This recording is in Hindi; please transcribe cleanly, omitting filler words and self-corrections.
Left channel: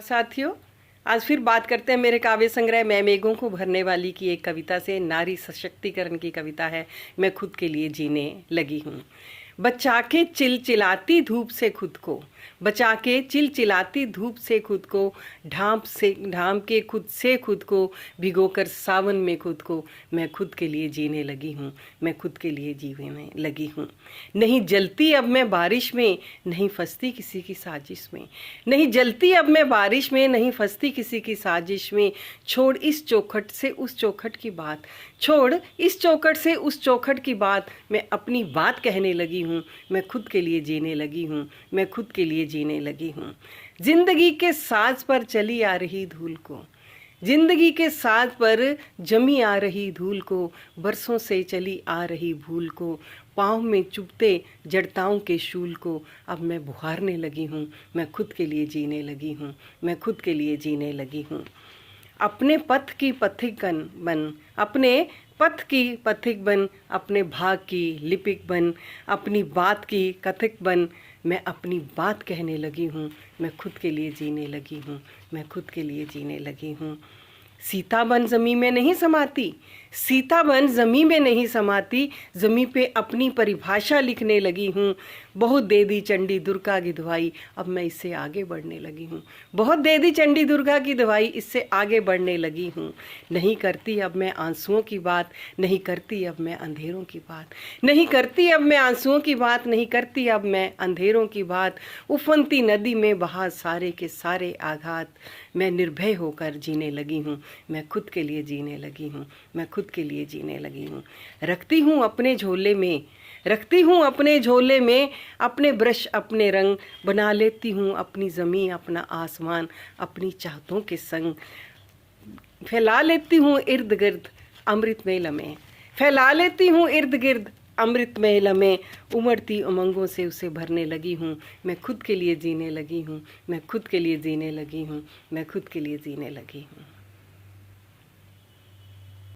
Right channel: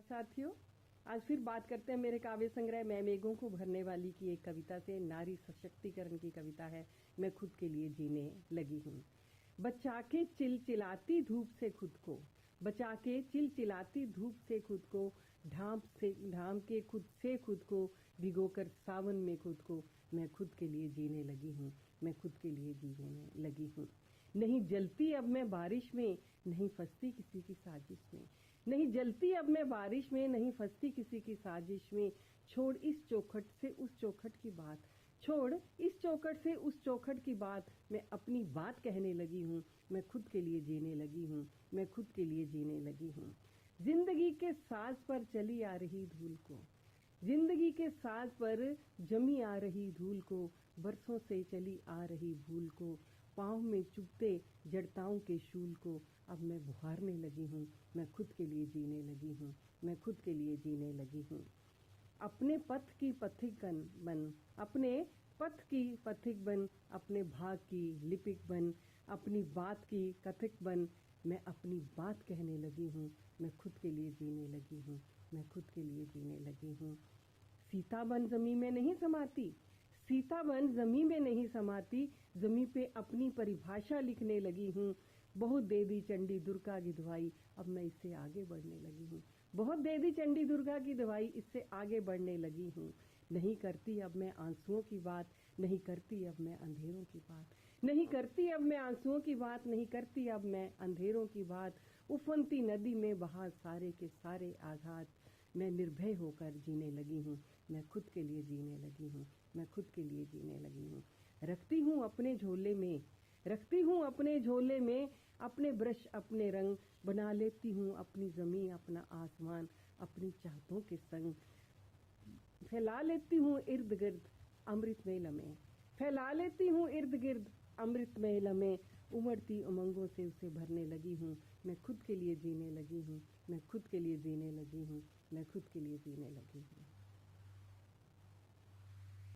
साथियों, आज फिर बात करते हैं मेरे काव्य संग्रह मैं मेघों को भरने वाली की एक कविता से। नारी सशक्तिकरण की कविता है। मैं खुद के लिए जीने लगी हूँ। बचा के चिलचिलाती धूप से खुद को, बचा के चिलचिलाती धूप से खुद को, ढांप के खुद से खुद को, भिगोकर सावन में खुद को, मैं खुद के लिए जीने लगी हूँ। मैं खुद के लिए जीने लगी हूँ। नहीं जलती अब मैं बारिश में, नहीं फंसती किसी की साजिश में। नहीं जलती अब मैं बारिश में, नहीं फंसती किसी की साजिश में। छोड़ इस चौखट से उस चौखट की बात, छोड़ इस चौखट से उस चौखट की बात, मैं अपनी बात कहने लगी हूँ। मैं खुद के लिए जीने लगी हूँ। मैं खुद के लिए जीने लगी हूँ। जिंदगी के साज पर चली आ रही धूल को, जिंदगी के साज पर जमी आ रही धूल को, बरसों से चली आ रही भूल को, पाँव में चुभते जड़ताओं के शूल को, अब मैं बुहारने लगी हूँ। मैं खुद के लिए जीने लगी हूँ। मैं खुद के लिए जीने लगी हूँ। अपने पथ की पथिकन बन, अपने पथ की पथिक बन, अपने भाग की लिपिक बन, अपनी बात की कथिक बन। मैं अपनी बात कहने लगी हूँ। मैं खुद के लिए जीने लगी हूँ। मैं खुद के लिए जीने लगी हूँ। सीता बन ज़मीं में नहीं समाती, सीता बन ज़मीं में नहीं समाती, ज़मीं पे अपनी परिभाषा लिखने लगी हूँ। बहुत दे दी चंडी दुर्गा की दवाई, अब मैं इससे आगे बढ़ने लगी हूँ। बहुत दे दी चंडी दुर्गा की दवाई, इससे आगे बढ़ने लगी हूँ। नहीं करती अब मैं आंसुओं की बात, नहीं करती अब मैं अंधेरों की बात, नहीं करती अब मैं आंसुओं की बात, नहीं करती अब मैं अंधेरों की बात। उफनती नदी में बहा सारे के सारे आघात, मैं निर्भय होकर जीने लगी हूँ। मैं खुद के लिए जीने लगी हूँ। मैं खुद के लिए जीने लगी हूँ। रखती हूँ अपने झोले में, रखती हूँ अपने झोले में अपने ब्रश अपने रंग, बना लेती हूँ अपनी ज़मीं अपना आसमान, अपनी चाहतों के संग फैला लेती हूँ इर्द गिर्द अमृतमय लम्हे, फैला लेती हूँ इर्द गिर्द अमृतमय लम्हे। उमड़ती उमंगों से उसे भरने लगी हूँ। मैं खुद के लिए जीने लगी हूँ। मैं खुद के लिए जीने लगी हूँ। मैं खुद के लिए जीने लगी हूँ।